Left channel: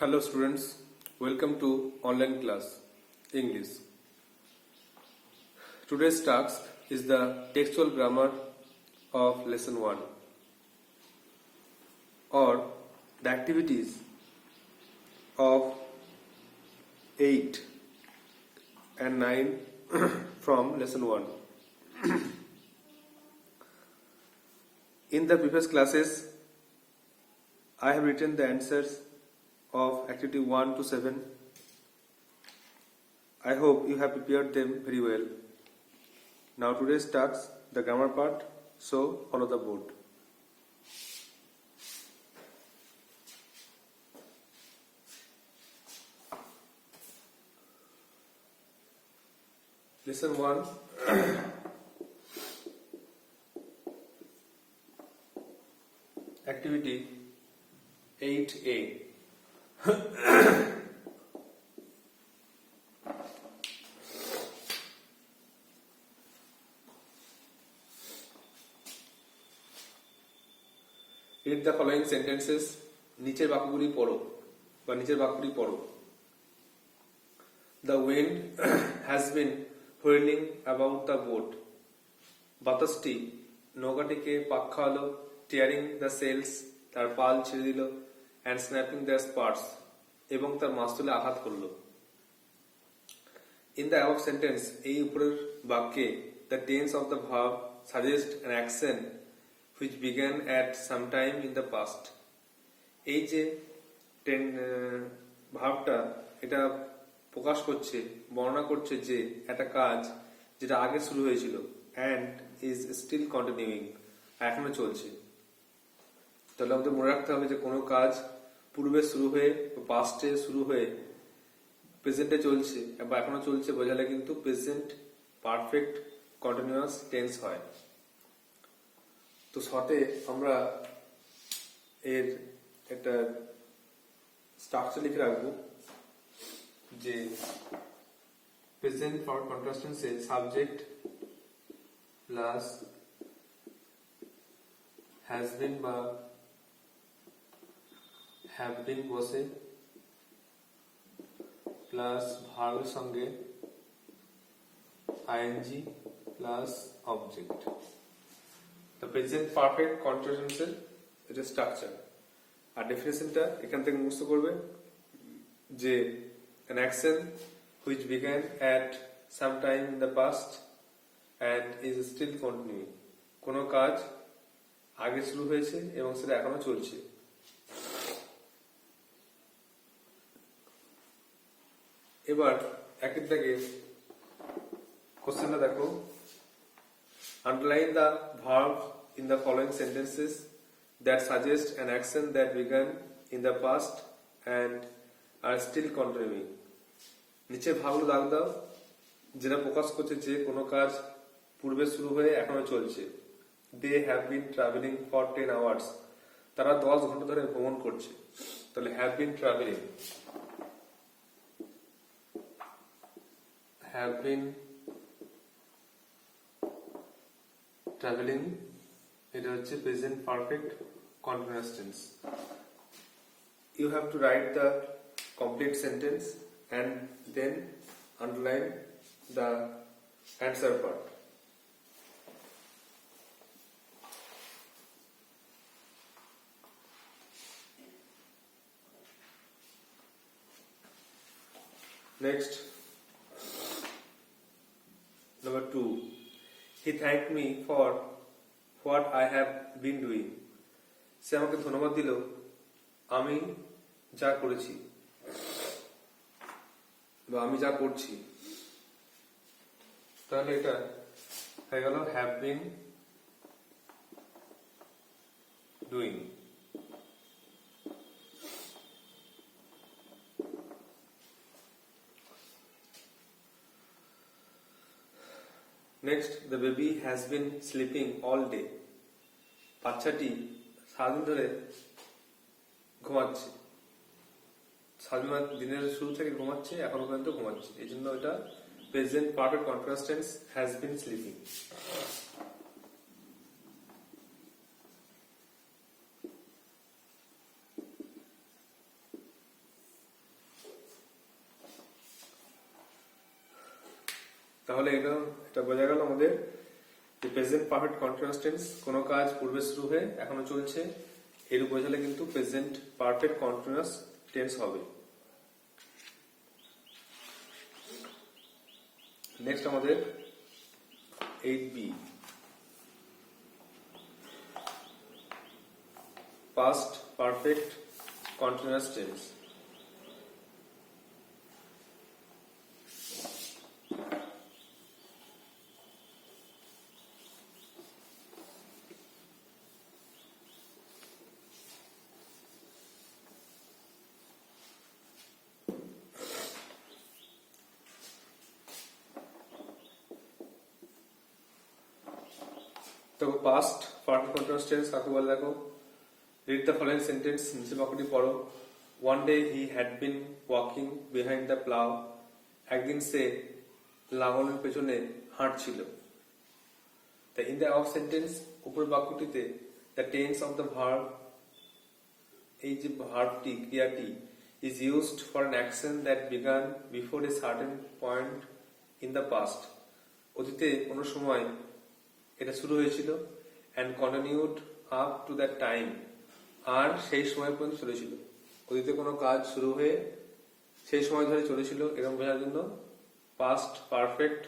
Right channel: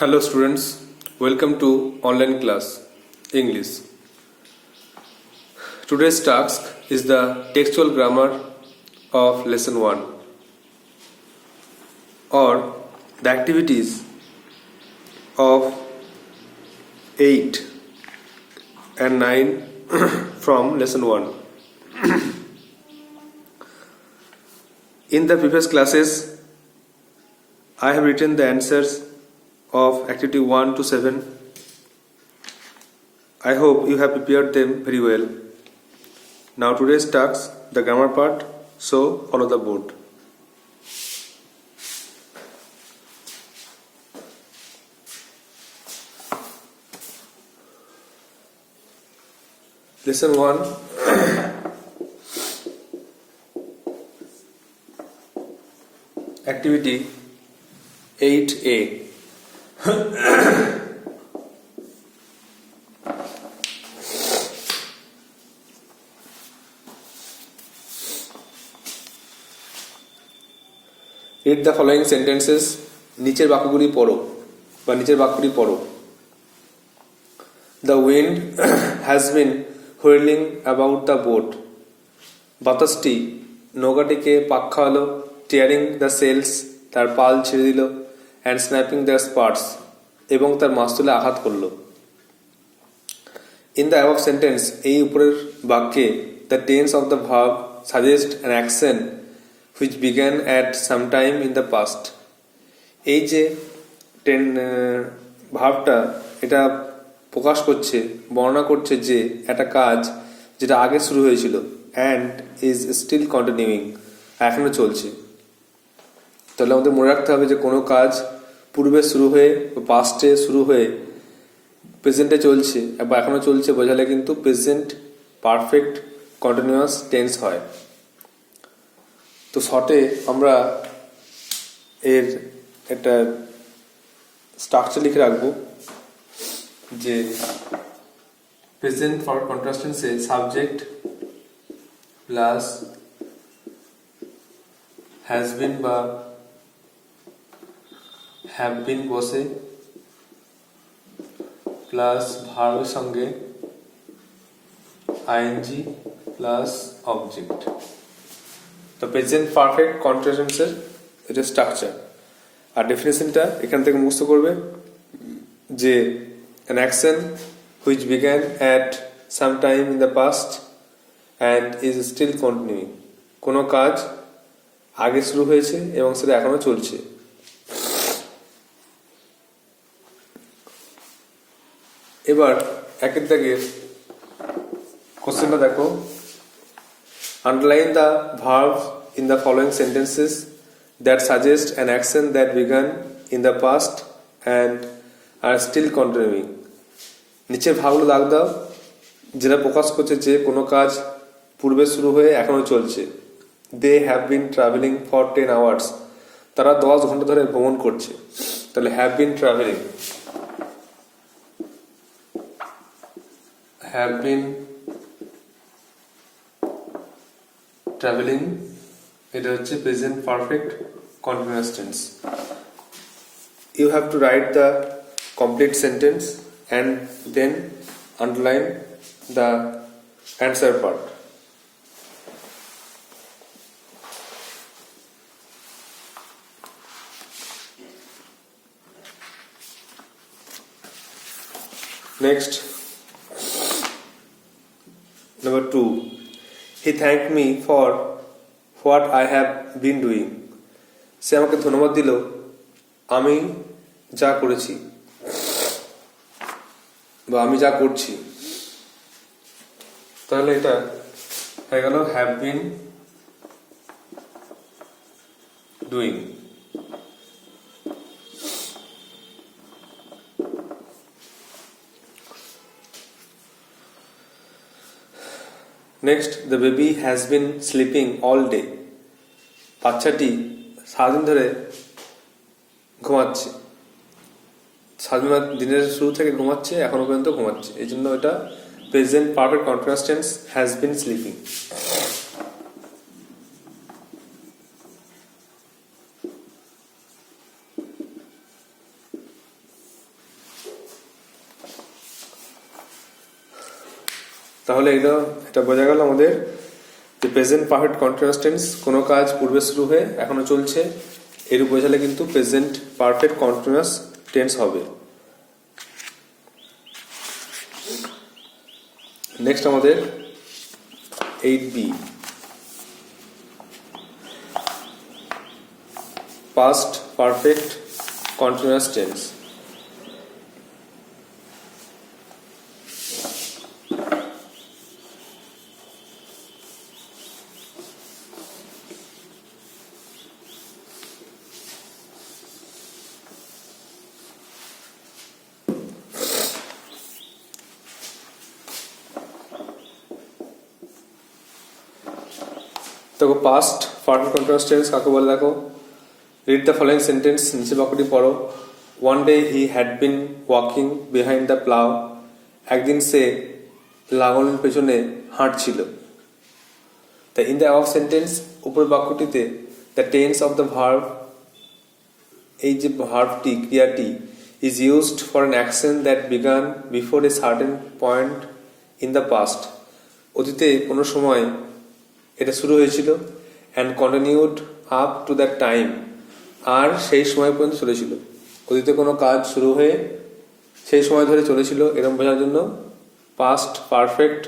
Hello students, welcome to online class English. Today's task is the textual grammar of lesson 1 or the activities of 8 and 9 from lesson 1. In the previous classes, I have written the answers of activity 1 to 7. I hope you have prepared them very well. Now today's task, the grammar part, so follow the board. Lesson 1. Activity 8A. Read the following sentences. নিচের বাক্যগুলি পড়ো বা নিচের বাক্যটি পড়ো। The wind has been whirling about the boat. বাতাসটি নৌকাটিকে পাক খাওয়ালো, tearing the sails, তার পাল ছিঁড়ে দিল, and snapping their spars, এবং তার মাস্তুলে আঘাত করলো। In the above sentence, এই উপরের বাক্যে the tense of the verb suggests an action which began at some time in the past. এই যে ভাবটা এটা প্রকাশ করছে, বর্ণনা করছে যে একটা কাজ যেটা আগে শুরু হয়েছিল and is still continuing, এখনো চলছে। তাহলে আমাদের মনে রাখতে হবে যে কোনো কাজ পূর্বে শুরু হয়ে বা পাস্টে শুরু হয়ে প্রেজেন্টে চলছে বা এখনো চলছে বোঝালে কিন্তু প্রেজেন্ট পারফেক্ট কন্টিনিউয়াস টেন্স হয়। তো শর্টে আমরা এর একটা স্ট্রাকচার লিখে রাখবো যে প্রেজেন্ট ফর কন্টিনিউয়াস টেন্সে সাবজেক্ট প্লাস হ্যাজ বিন বা হ্যাভ বিন বসে প্লাস ভার্বের সঙ্গে আইএনজি প্লাস অবজেক্ট। তো প্রেজেন্ট পারফেক্ট কন্টিনিউয়াস টেন্সের এটা স্ট্রাকচার। আর ডেফিনেশনটা এখান থেকে মুখস্থ করবে যে an action which began at some time in the past and is still continuing, কোনো কাজ আগে শুরু হয়েছে এবং সেটা এখনো চলছে। এবার একের দাগের কোশ্চেনটা দেখো। Underline the verbs in the following sentences that suggest an action that began in the past and are still continuing. নিচের ভাবগুলো দাগ দাও যেটা প্রকাশ করছে যে কোনো কাজ পূর্বে শুরু হয়ে এখনো চলছে। They have been traveling for 10 hours. তারা 10 ঘন্টা ধরে ভ্রমণ করছে। তাহলে have been traveling, have been traveling, এটা হচ্ছে present perfect continuous tense. You have to write the complete sentence and then underline the answer part. Next, number 2. He thanked me for what I have been doing. সে আমাকে ধন্যবাদ দিল আমি যা করেছি বা আমি যা করছি। তাহলে এটা হয়ে গেল have been doing. Next, the baby has been sleeping all day. বাচ্চাটি সারাদিন ধরে ঘুমাচ্ছে। সারাদিন দিনের শুরু থেকে ঘুমাচ্ছে, এখনো পর্যন্ত ঘুমাচ্ছে। এই জন্য এটা present perfect continuous tense has been sleeping. তাহলে এটা বোঝা গেল আমাদের যে প্রেজেন্ট পারফেক্ট কন্টিনিউয়াস টেন্স কোনো কাজ পূর্বে শুরু হয়ে এখনো চলছে, এরূপ বোঝালে কিন্তু প্রেজেন্ট পারফেক্ট কন্টিনিউয়াস টেন্স হবে। নেক্সট আমাদের 8b, past perfect continuous tense. দেখো পাস্ট পারফেক্ট কন্টিনিউয়াস টেন্স কাকে বলে দেখো, রিড দ্য ফলোইং সেন্টেন্স, নিচে বাক্যটি পড়ো। One day he had been walking behind the plough, একদিন সে লাঙলের পেছনে হাঁটছিল। তা ইন দ্য অফ সেন্টেন্স, উপরের বাক্যটিতে the tense of the verb, এই যে ভার্বটি ক্রিয়াটি is used for an action that began before a certain point in the past, অতীতে কোনো সময় এটা শুরু হয়েছিল, and continued up to that time, আর সেই সময় পর্যন্ত চলেছিল। অতীতে কোনো কাজ শুরু হয়ে সেই সময় ধরে চলেছিল, এরকম বোঝার জন্য পাস্ট পারফেক্ট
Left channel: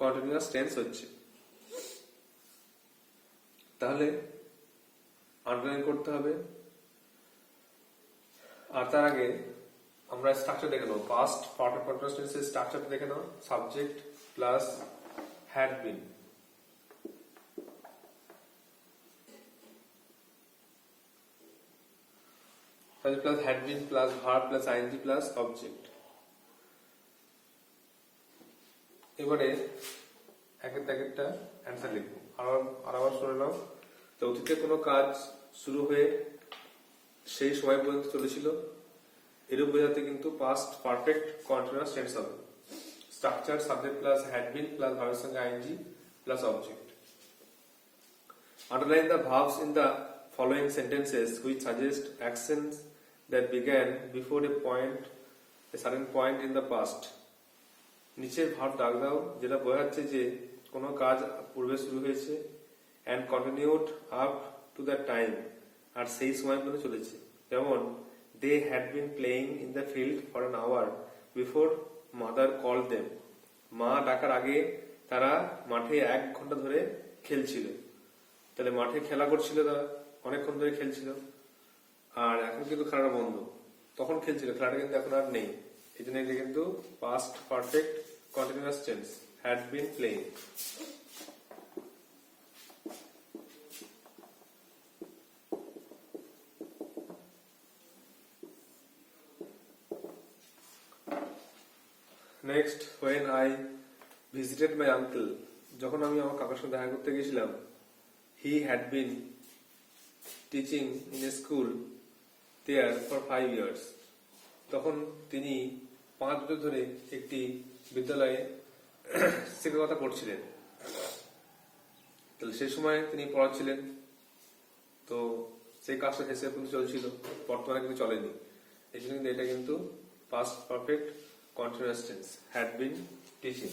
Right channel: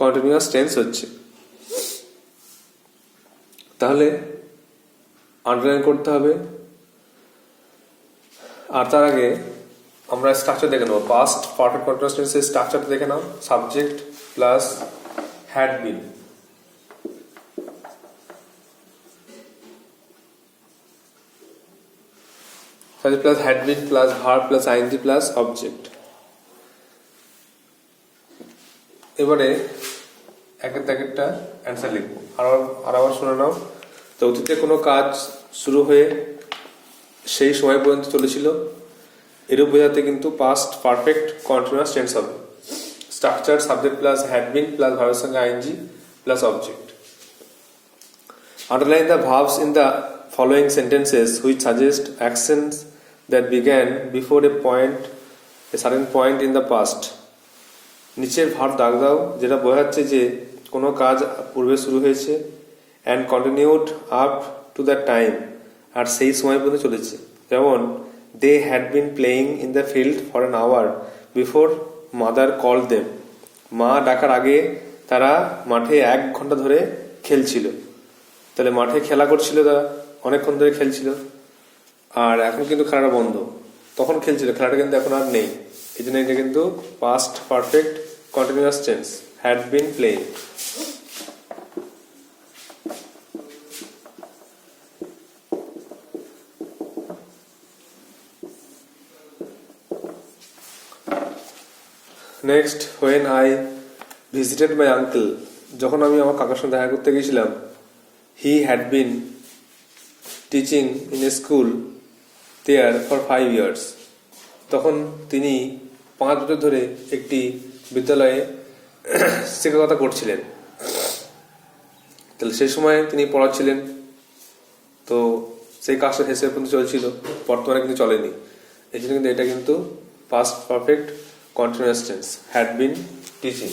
কন্টিনিউয়াস টেন্স হচ্ছে। তাহলে আন্ডারলাইন করতে হবে, আর তার আগে আমরা স্ট্রাকচার দেখে নেবো। পাস্ট পারফেক্ট কন্টিনিউয়াস টেন্সের স্ট্রাকচারটা দেখে নাও। Subject plus had been, plus had been plus verb plus ING plus object. এবারে একটা অ্যান্সার লিখবো, আর আবার শুনে নাও। তো অতীতে কোনো কাজ শুরু হয়ে সেই সময় পর্যন্ত চলেছিল, এরূপ বোঝাতে কিন্তু পাস্ট পারফেক্ট কন্টিনিউয়াস টেন্স হবে। Structure subject plus had been plus ভার্বের সঙ্গে ING plus object. Underline the verbs in the following sentences which suggest actions that began before a certain point in the past. নিচের ভার্ব দাগ দাও যেটা বোঝাচ্ছে যে কোনো কাজ পূর্বে শুরু হয়েছে, and continued up to the time, আর সেই সময় পর্যন্ত চলেছে। যেমন they had been playing in the field for an hour before mother call them, মা ডাকার আগে তারা মাঠে 1 ঘন্টা ধরে খেলছিল। তাহলে মাঠে খেলা করছিল, তারা অনেকক্ষণ ধরে খেলছিল, আর এখন কিন্তু খেলাটা বন্ধ। তখন খেলছিল, খেলাটা কিন্তু এখন আর নেই, এই জন্য এটা কিন্তু past perfect continuous tense, had been playing. Next, when I visited my uncle, যখন আমি আমার কাকার সঙ্গে দেখা করতে গেছিলাম। He had been teaching in a school there for 5 years, তখন তিনি 5 বছর ধরে একটি বিদ্যালয়ে শিক্ষকতা করছিলেন। তাহলে সেই সময় তিনি পড়াচ্ছিলেন, তো সেই কাজটা শেষের পর্যন্ত চলছিল, বর্তমানে কিন্তু চলেনি। এই জন্য কিন্তু এটা কিন্তু past perfect continuous tense, had been teaching.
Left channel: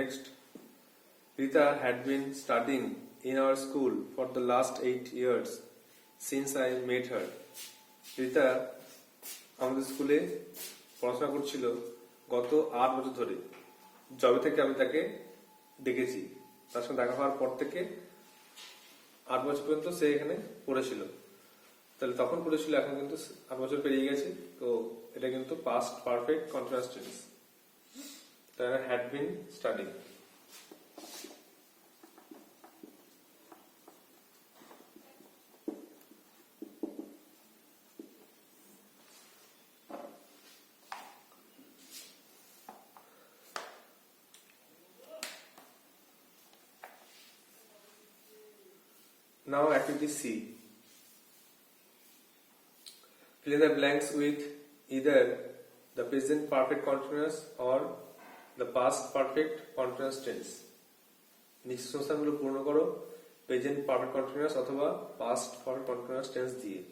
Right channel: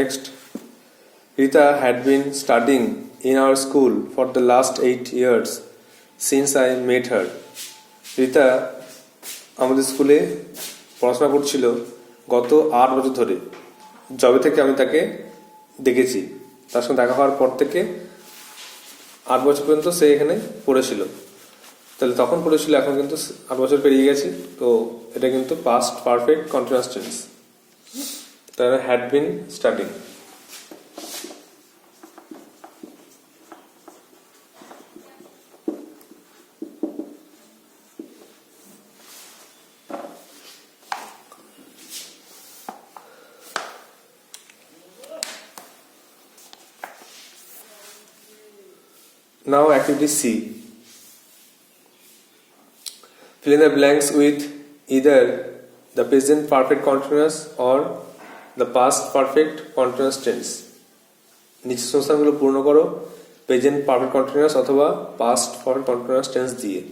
Next, Rita had been studying in our school for the last 8 years since I met her. Rita আমাদের স্কুলে পড়াশোনা করছিল গত 8 বছর ধরে, যবে থেকে আমি তাকে দেখেছি। তার সঙ্গে দেখা হওয়ার পর থেকে 8 বছর পর্যন্ত সে এখানে পড়েছিল। তাহলে তখন পড়েছিল, এখন কিন্তু 8 বছর পেরিয়ে গেছে, তো এটা কিন্তু পাস্ট পারফেক্ট কন্টিনিউয়াস টেন্স। তাহলে had been studying. Now activity C. Fill in the blanks with either the present perfect continuous or the past perfect continuous tense. নিচের সংস্থানগুলো পূর্ণ করো প্রেজেন্ট পারফেক্ট কন্টিনিউয়াস অথবা পাস্ট পারফেক্ট কন্টিনিউয়াস টেন্স দিয়ে।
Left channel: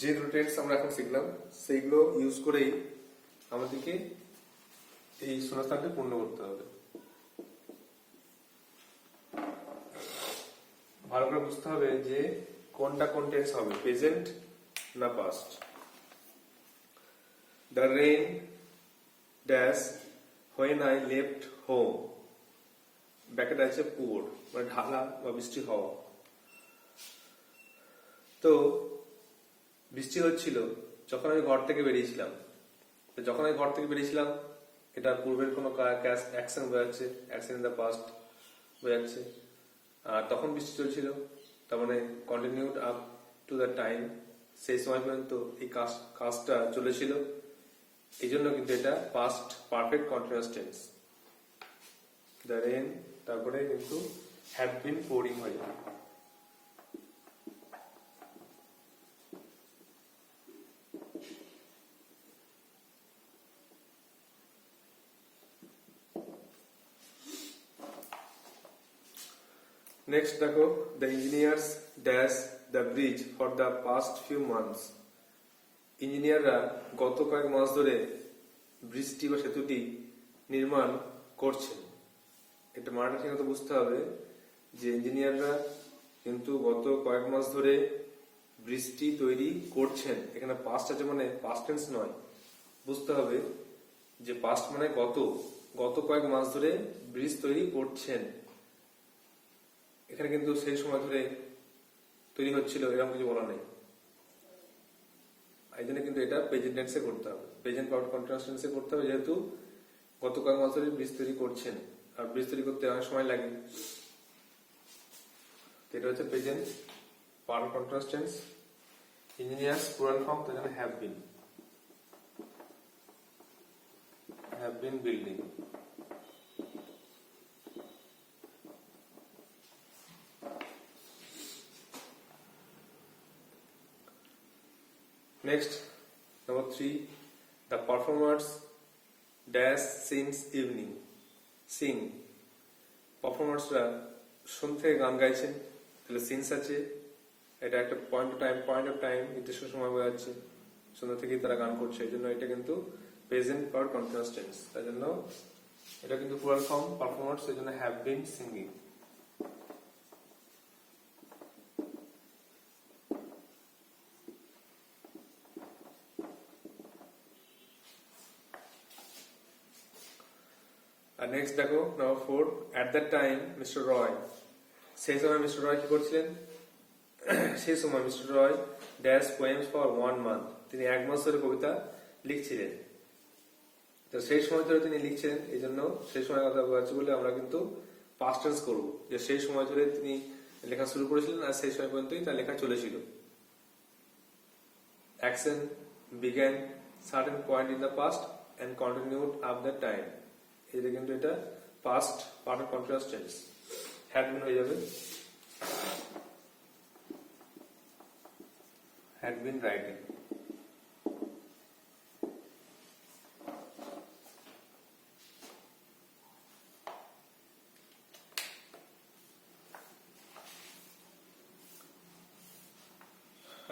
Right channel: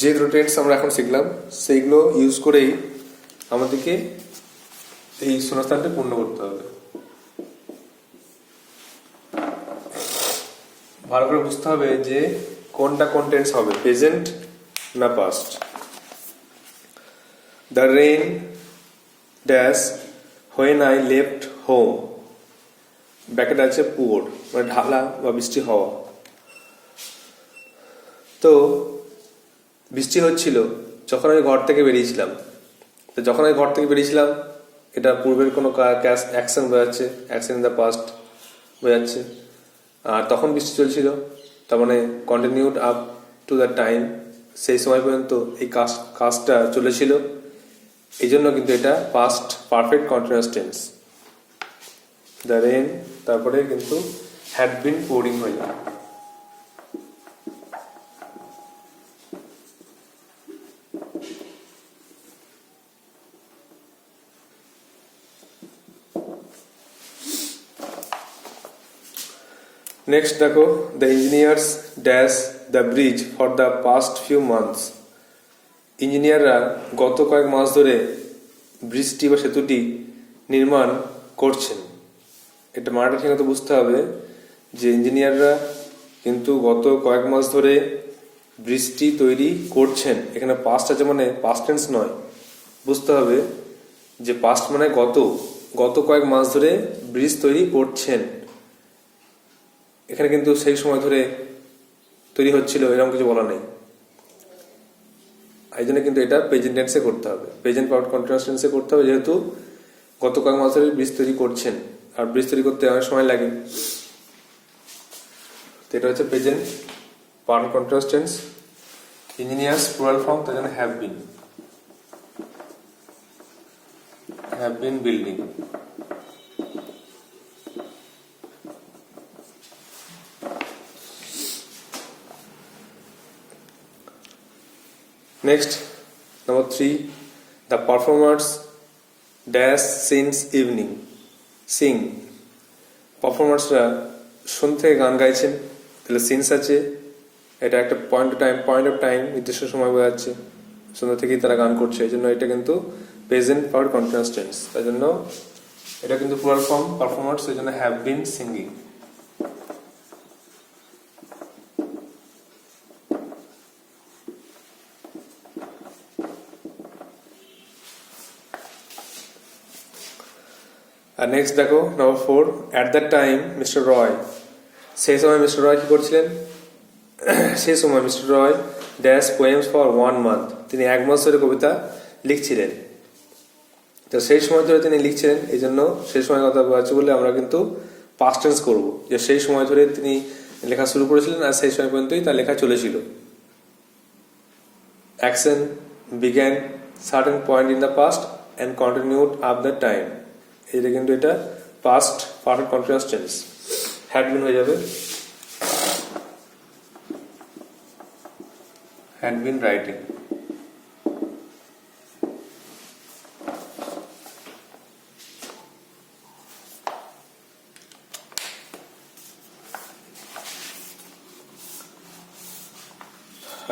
যে দুটো টেন্স আমরা এখন শিখলাম সেইগুলো ইউজ করেই আমাদেরকে এই শূন্যস্থানটা পূর্ণ করতে হবে। ভালো করে বুঝতে হবে যে কোনটা কোন টেন্স হবে, প্রেজেন্ট না past. The rain dash when I left home, bracket আছে পুয়ার, মানে ঢালা বা বৃষ্টি হওয়া। তো বৃষ্টি হচ্ছিল যখন আমি ঘর থেকে বেরিয়েছিলাম। তো যখন আমি ঘর থেকে বেরিয়েছিলাম এটা পূর্বের কোনো অ্যাকশন বোঝাচ্ছে, অ্যাকশন ইন দ্য পাস্ট বোঝাচ্ছে। আর তখন বৃষ্টি চলছিল, তার মানে continued up to the time, সেই সময় পর্যন্ত এই কাজটা চলেছিল, এই জন্য কিন্তু এটা past perfect continuous tense. The rain তারপরে কিন্তু হ্যাড বিন পোরিং হয়ে যায়। নেক্সট দেখো, the engineers dash the bridge for the past few months. ইঞ্জিনিয়াররা গত কয়েক মাস ধরে ব্রিজটি বা সেতুটি নির্মাণ করছেন। এটা মানেটা ঠিক মতো বুঝতে হবে যে ইঞ্জিনিয়াররা কিন্তু গত কয়েক মাস ধরে ব্রিজটি তৈরি করছেন। এখানে পাস্ট আছে মানে পাস্ট টেন্স নয়, বুঝতে হবে যে পাস্ট মানে গত কয়েক মাস ধরে ব্রিজ তৈরি করছেন। এখানে কিন্তু সেই সময় ধরে তৈরি হচ্ছিল এরকম কিছু বলা নেই, এই জন্য কিন্তু এটা প্রেজেন্ট টেন্সে করতে হবে, প্রেজেন্ট পারফেক্ট কন্টিনিউয়াস টেন্সে করতে হবে, যেহেতু গত কয়েক মাস ধরে ব্রিজ তৈরি করছেন, আর ব্রিজ তৈরি করতে অনেক সময় লাগে। তো এটা হচ্ছে present perfect continuous tense. Engineers plural form, তার জন্য have bin building. Next, number 3, the performers dash since evening. Sing. পারফরমার্সরা সন্ধ্যা থেকে গান গাইছেন, তাহলে সিন্স আছে, এটা একটা পয়েন্ট অফ টাইম নির্দিষ্ট সময় বোঝাচ্ছে, সন্ধ্যা থেকেই তারা গান করছে, এই জন্য এটা কিন্তু প্রেজেন্ট পারফেক্ট কন্টিনিউয়াস টেন্স। তাই জন্য এটা কিন্তু প্লুরাল ফর্ম পারফরমার্স, এই জন্য হ্যাভ বিন সিঙ্গিং। আর নেক্সট দেখো, number 4, at that time mister Roy. সেই সময় মিস্টার রয় কি করছিলেন? সেই সময় mister Roy dash poems for 1 month, তিনি 1 মাস ধরে কবিতা লিখছিলেন। তো সেই সময় ধরে তিনি লিখছিলেন, এই জন্য সেই সময় কথা বলছে বলে আমরা কিন্তু পাস্ট টেন্স করবো, যে সেই সময় ধরে তিনি লেখা শুরু করেছিলেন আর সেই সময় পর্যন্তই তার লেখা চলেছিল। Action began certain point in the past and continued up the time, এটা কিন্তু এটা past perfect continuous tense. Had been হয়ে যাবে had been writing.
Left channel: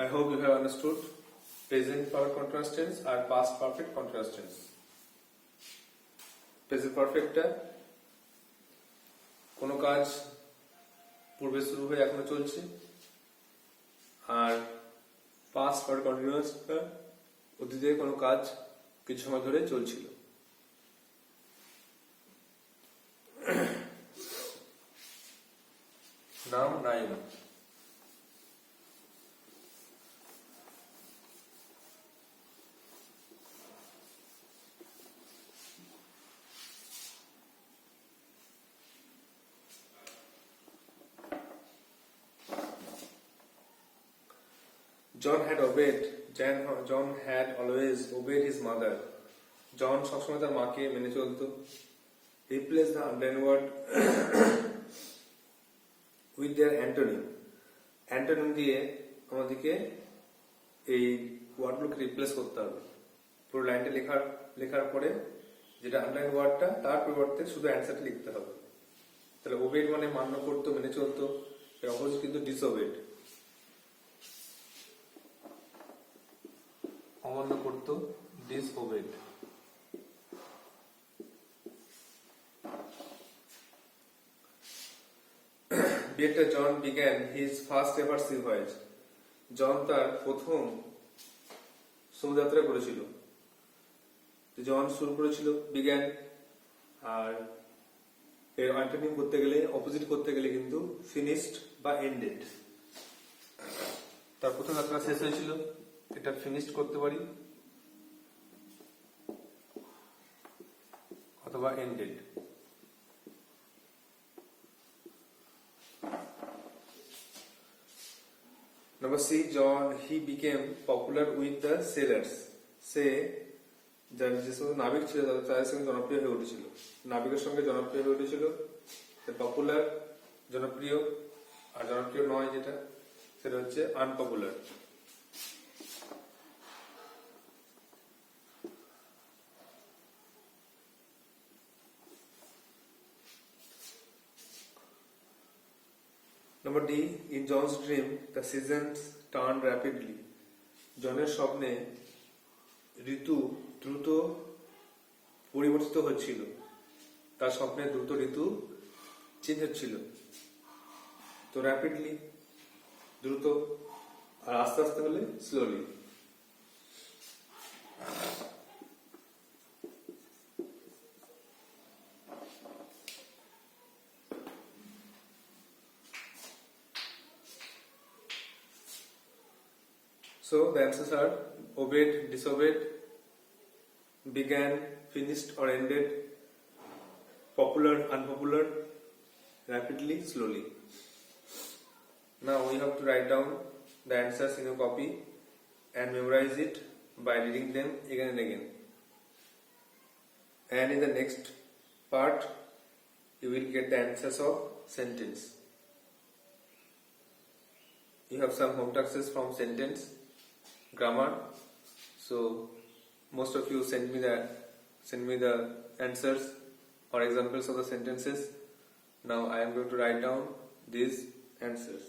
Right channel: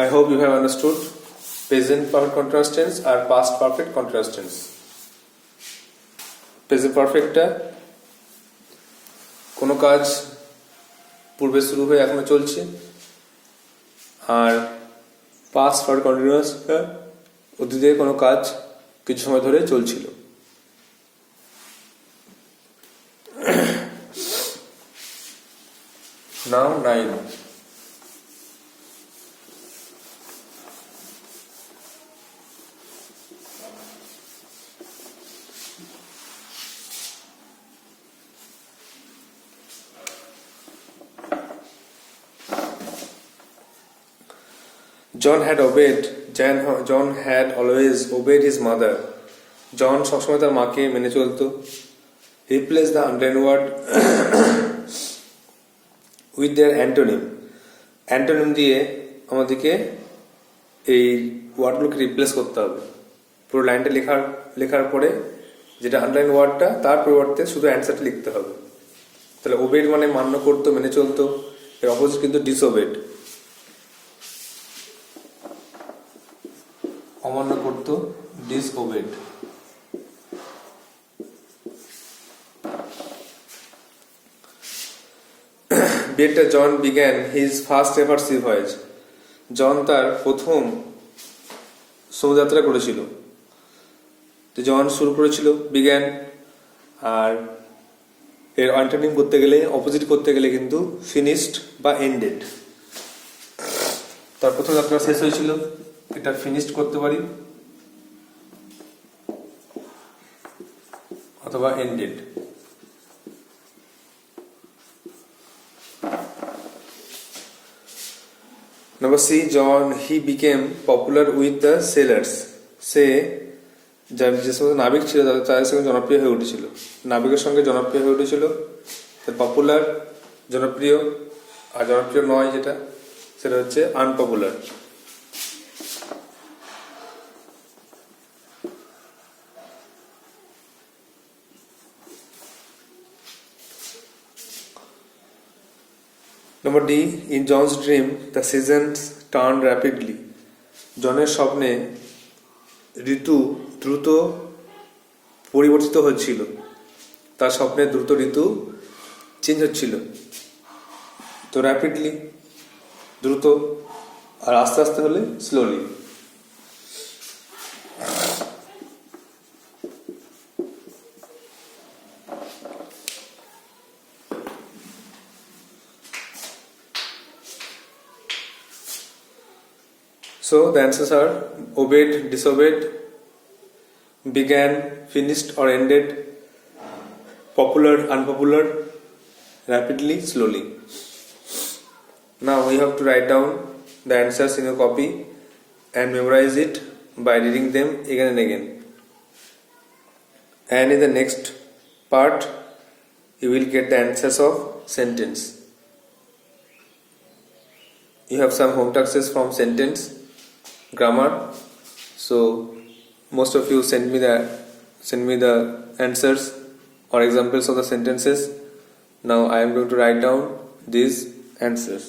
I hope you have understood present perfect continuous tense আর past perfect continuous tense. Present পারফেক্টটা কোনো কাজ পূর্বে শুরু হয়ে এখনো চলছে, আর পাস্ট পারফেক্ট কন্টিনিউয়াসটা অতীতে কোনো কাজ কিছু সময় ধরে চলছিল। নাও 9, John had always obeyed his mother জন সবসময় তার মাকে মেনে চলতো। Replace the underline word with their antonym. Antonym দিয়ে আমাদেরকে এই ওয়ার্ডগুলোকে রিপ্লেস করতে হবে। পুরো লাইনটা লেখার পরে যেটা আন্ডারলাইন ওয়ার্ডটা তার পরিবর্তে শুধু অ্যান্সারটা লিখতে হবে। তাহলে ওবেড মানে মান্য করতো, মেনে চলতো। এর অপোজিট কিন্তু ডিসওবেড, অমান্য করতো, ডিসওবেড। বিয়েটা John began his first ever sea voyage. John তার প্রথম সমুদ্রযাত্রা করেছিল। তো জন শুরু করেছিল বিগ্যান, আর এর অ্যান্টোনিম করতে গেলে, অপোজিট করতে গেলে কিন্তু ফিনিশড বা এন্ডেড। তার প্রথম যাত্রা শেষ হয়েছিল, এটা ফিনিশড করতে পারি অথবা ended. Number C, John, he became popular with the sailors. সে যে সমস্ত নাবিক ছিল তাদের সঙ্গে জনপ্রিয় হয়ে উঠেছিল। নাবিকের সঙ্গে জনপ্রিয় হয়ে উঠেছিল। পপুলার জনপ্রিয়, আর জনপ্রিয় নয় যেটা সেটা হচ্ছে unpopular. Number D, in John's dream, the seasons turned rapidly. জনের স্বপ্নে ঋতু দ্রুত পরিবর্তিত হচ্ছিল। তার স্বপ্নে দ্রুত ঋতু চেঞ্জ হচ্ছিল। তো র্যাপিডলি দ্রুত, আর আস্তে আস্তে হলে slowly. So the answers are obeyed, disobeyed, began, finished or ended, popular, unpopular, rapidly, slowly. Now we have to write down the answers in your copy and memorize it by reading them again and again. And in the next part, you will get the answers of sentence. You have some home tasks from sentence, grammar. So most of you send me the answers or examples of the sentences. Now I am going to write down these answers.